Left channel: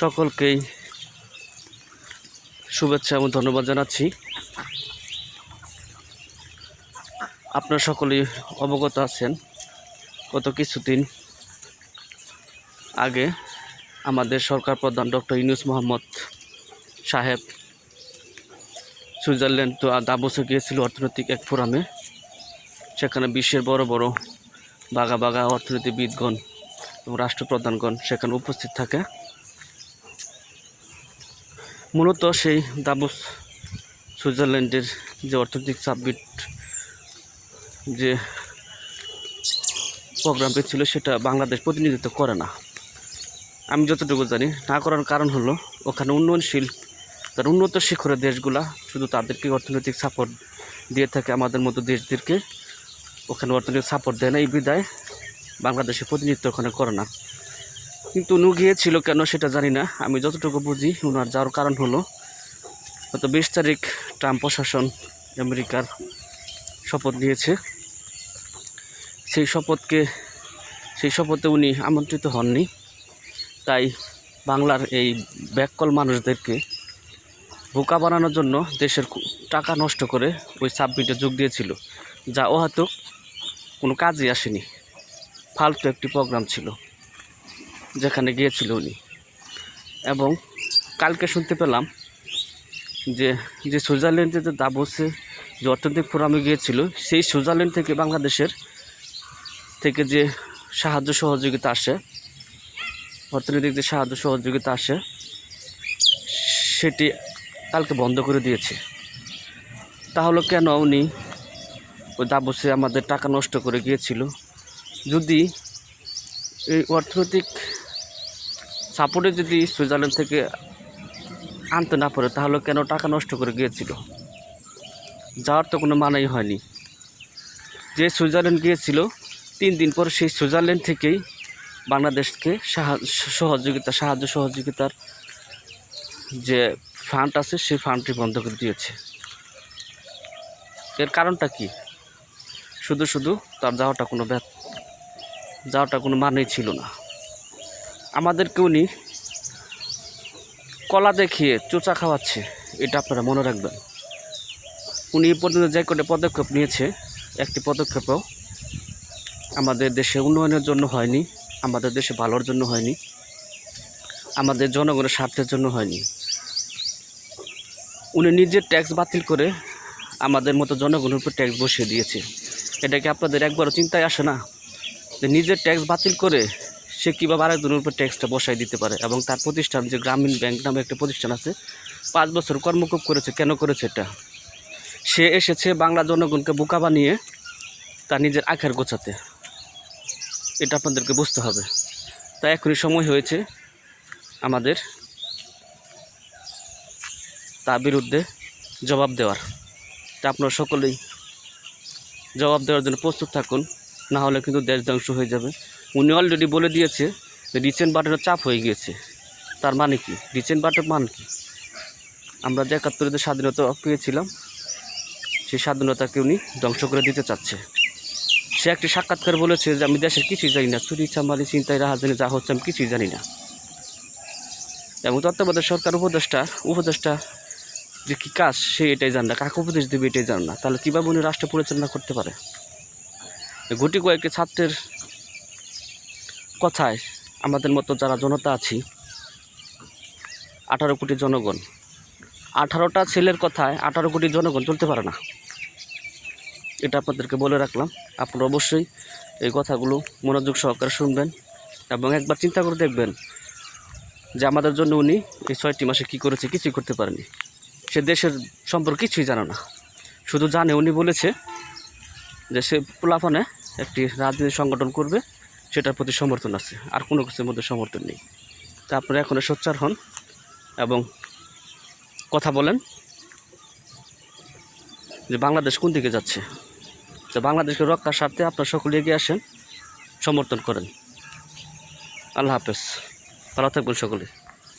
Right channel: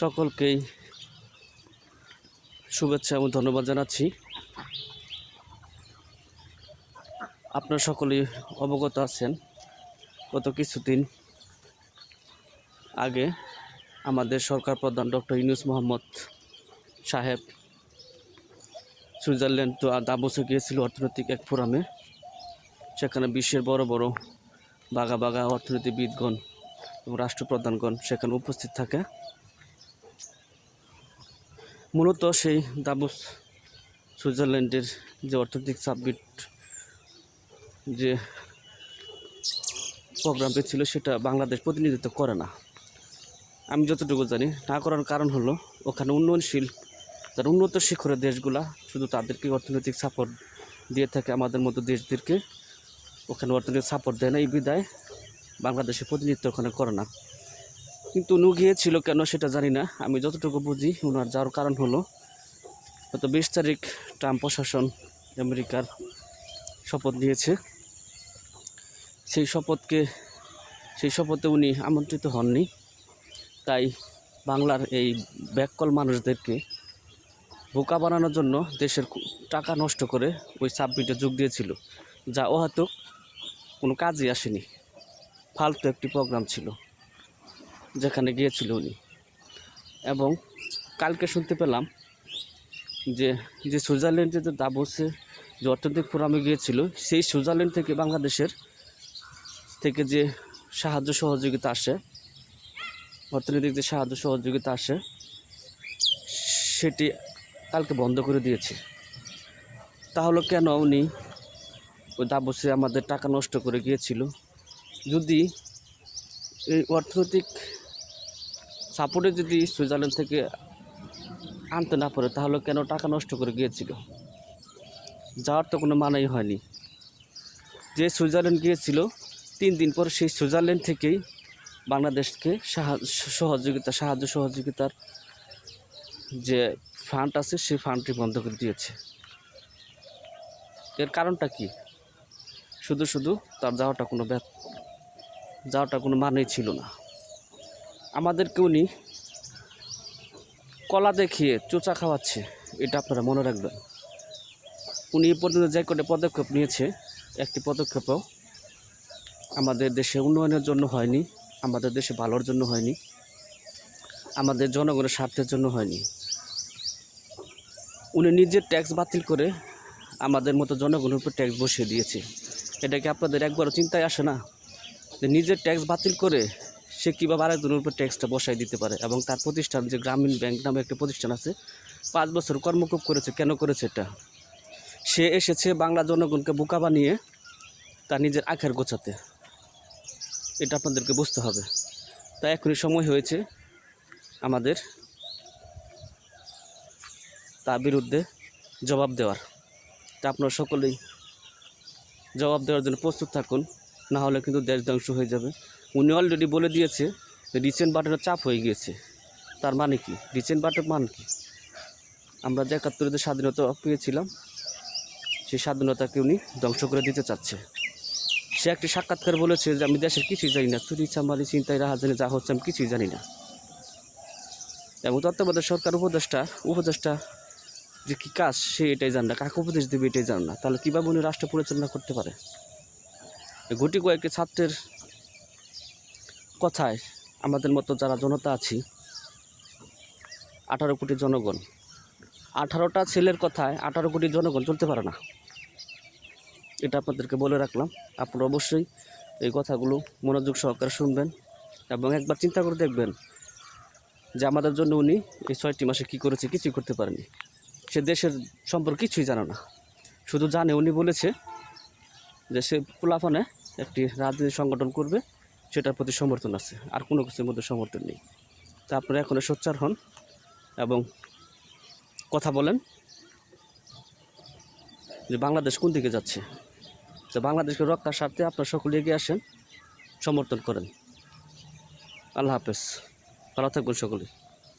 সকলকেই শুভেচ্ছা এবং ধন্যবাদ জানাচ্ছি। আপনারা সকলেই অবগত আছেন, গত কিছুদিন আগে আমাদের সরকার প্রধান ডক্টর ইউনুস মোহাম্মদ সাহেব সুইজারল্যান্ড তো দাবসে গিয়েছিল অর্থনৈতিক এক ফোরামে, সেখানে বিশ্বের বড় বড় বাঘা বাঘা অর্থনীতিবিদগণ এবং রাষ্ট্রপ্রধানগণ সেখানে উপস্থিত থাকে। মূলত সেই দাবস সুইজারল্যান্ডের যে অর্থনৈতিক সাবমিট যে প্রোগ্রামটি ছিল সেটা বাংলাদেশ প্রতিনিধিত্ব করে না। আমি যতটুকু জানি, না করার কারণ হলো ওখানে উন্নয়নশীল তার উন্নত শিখরের দেশগুলা শুধু তাদেরকে অর্থনৈতিক সাপোর্ট দিয়ে থাকে, আমাদের মতো দেশদেরকে ওখানে অর্থনৈতিক সাপোর্ট দেয় না। এই বিদায় বাংলাদেশের প্রতিনিধিত্ব ওখানে করে না। কিন্তু উনি গিয়েছিল কেন সেটা জানি না। আমি যতটুকু বুঝি ওনার যাওয়ার কারণ হলো গত বিশ তারিখ ট্রাম্প প্রশাসন আমেরিকার শপথ নিয়েছে। সেই শপথকে, সেই শপথে উনি আমন্ত্রিত হননি। তাই বাংলার এই ব্যাককল মানুষদেরকে বোকা বানানোর জন্য দেশের টাকা নষ্ট করে ওই সাবমিটে যোগ দিয়েছিল। যা হয়তো কোনো কাজে আসেনি। ফালতু একটি প্রোগ্রাম ছিল। যেখানে গিয়েছিল উনি। এবং কালকে শুনতে পেলাম যে যে সুইজারল্যান্ডে যে দাবসে যে অর্থনৈতিক ফোরামে গিয়েছিল, সেই সুইজারল্যান্ড থেকে বাংলাদেশের থেকে যে সাহায্য সহযোগিতা আসে, অর্থনৈতিক যে সাহায্য সহযোগিতা আসে, সেটি কালকে বন্ধ করে দিয়েছে। তাহলে কেন উনি ওই দাবসে আমাদের টাকা নষ্ট করে গিয়েছিল? যদি এই অর্থনৈতিক সাপোর্টে যদি সুইজারল্যান্ড থেকে আনতে না পারে, তাহলে কেন টাকা নষ্ট করে গিয়েছিল? যাওয়ার তো কোনো মানেই হয়নি। যে সুইজারল্যান্ড গিয়েছিল, তিন দিন পর সেই সুইজারল্যান্ড থেকেই বাংলাদেশকে সাহা- সহযোগিতা, সাহায্য সহযোগিতার যে ফান্ড আছে, সেই ফান্ডটি বন্ধ করে দিয়েছে। এর কারণটা কি? শুধু শুধু তার যাওয়াটা কোনো যাওয়াটা কোনো মানেই ছিল না। আমাদেরকে উনি কলা দেখিয়ে চোচা খাওয়াচ্ছে, এটা আপনারা মনে রাখবেন। উনি এই পর্যন্ত যে কটা পদক্ষেপ নিয়েছে, একটি পদক্ষেপও আমাদের দেশে উন্নয়নের জন্য হয়নি, আমাদের দেশে ভালোর জন্য হয়নি, আমাদের জনগণের স্বার্থের জন্য হয়নি। উনি নিজের ট্যাক্স বাতিল করে আমাদের মতো জনগণের উপর ট্যাক্স বসিয়ে দিয়েছে। এটা কি আপনাদের একবারও চিন্তায় আসে না? যে নিজের ট্যাক্স বাতিল করে সে কীভাবে আরেকজনের উপর ট্যাক্সটা বসাই দিতে পারে এবং তার প্রতিষ্ঠান যে গ্রামীণ ব্যাংক নামে একটা প্রতিষ্ঠান আছে, পাঁচ বছর কর্মকূপ করেছে, কেন করেছে এটা? সে এসেছে বাংলা জনগণকে বোকা বানিয়ে তার নিজের আখের গোছাতে। এটা আপনাদেরকে বুঝতে হবে। তাই এখনই সময় হয়েছে আমাদের তার বিরুদ্ধে জবাব দেওয়ার। তা আপনারা সকলেই জবাব দেওয়ার জন্য প্রস্তুত থাকুন। না হলে কিন্তু দেশ ধ্বংস হয়ে যাবে। উনি অলরেডি বলে দিয়েছে যে রিসেন্ট বাটের চাপ হয়ে গিয়েছে। তার মানে কি? রিসেন্ট বাটের মান কি? আমরা যে একাত্তরে স্বাধীনতা পেয়েছিলাম, সেই স্বাধীনতাকে উনি ধ্বংস করে দিতে চাচ্ছে। সে একটি সাক্ষাৎকার বলেছে যে, আমি দেশের কিছুই জানি না। চুরি, চামারি চিন্তায় রাহাজানি, যা হচ্ছে আমি কিছুই জানি না। এবং তত্ত্বাবধায়ক সরকার উপদেষ্টা উপদেষ্টা যে কী কাজ, সে এটাই জান না। কাকে উপদেশ দেবে এটাই জান না। তাহলে কীভাবে উনি রাষ্ট্র পরিচালনা করতে পারে? গুটি কয়েকটি ছাত্রের কথায় আমাদের মতো যারা জনতা আছি, আঠারো কোটি জনগণ, আঠারোটা ছেলের কথায় আঠারো কোটি জনগণ চলতে পারে না। এটা আপনাদেরকে বলে রাখলাম। আপনারা অবশ্যই এই কথাগুলো মনোযোগ সহকারে শুনবেন এবং একবার চিন্তা করে দেখবেন যে আমাদের জন্য উনি এই ছয়টি মাসে কী করেছে, কিছুই করতে পারেনি সে দেশের সম্পর্কে কিছুই জানে না। শুধু জানে, উনি বলেছে যে সে পোলাফনে একটি রাজনীতি সংগঠন করবে, সেটার প্রতি সমর্থন আছে। আর কোনো কিছুর মধ্যে সমর্থন নেই। তা আপনারা এখনও সোচ্চার হন এবং কথা বলেন যে বাংলাদেশ কোন দিকে যাচ্ছে। তো বাংলাদেশকে রক্ষার স্বার্থে আপনারা সকলে এগিয়ে আসেন, সমর্থন করেন। আল্লাহ হাফেজ। ভালো থাকবেন সকলে।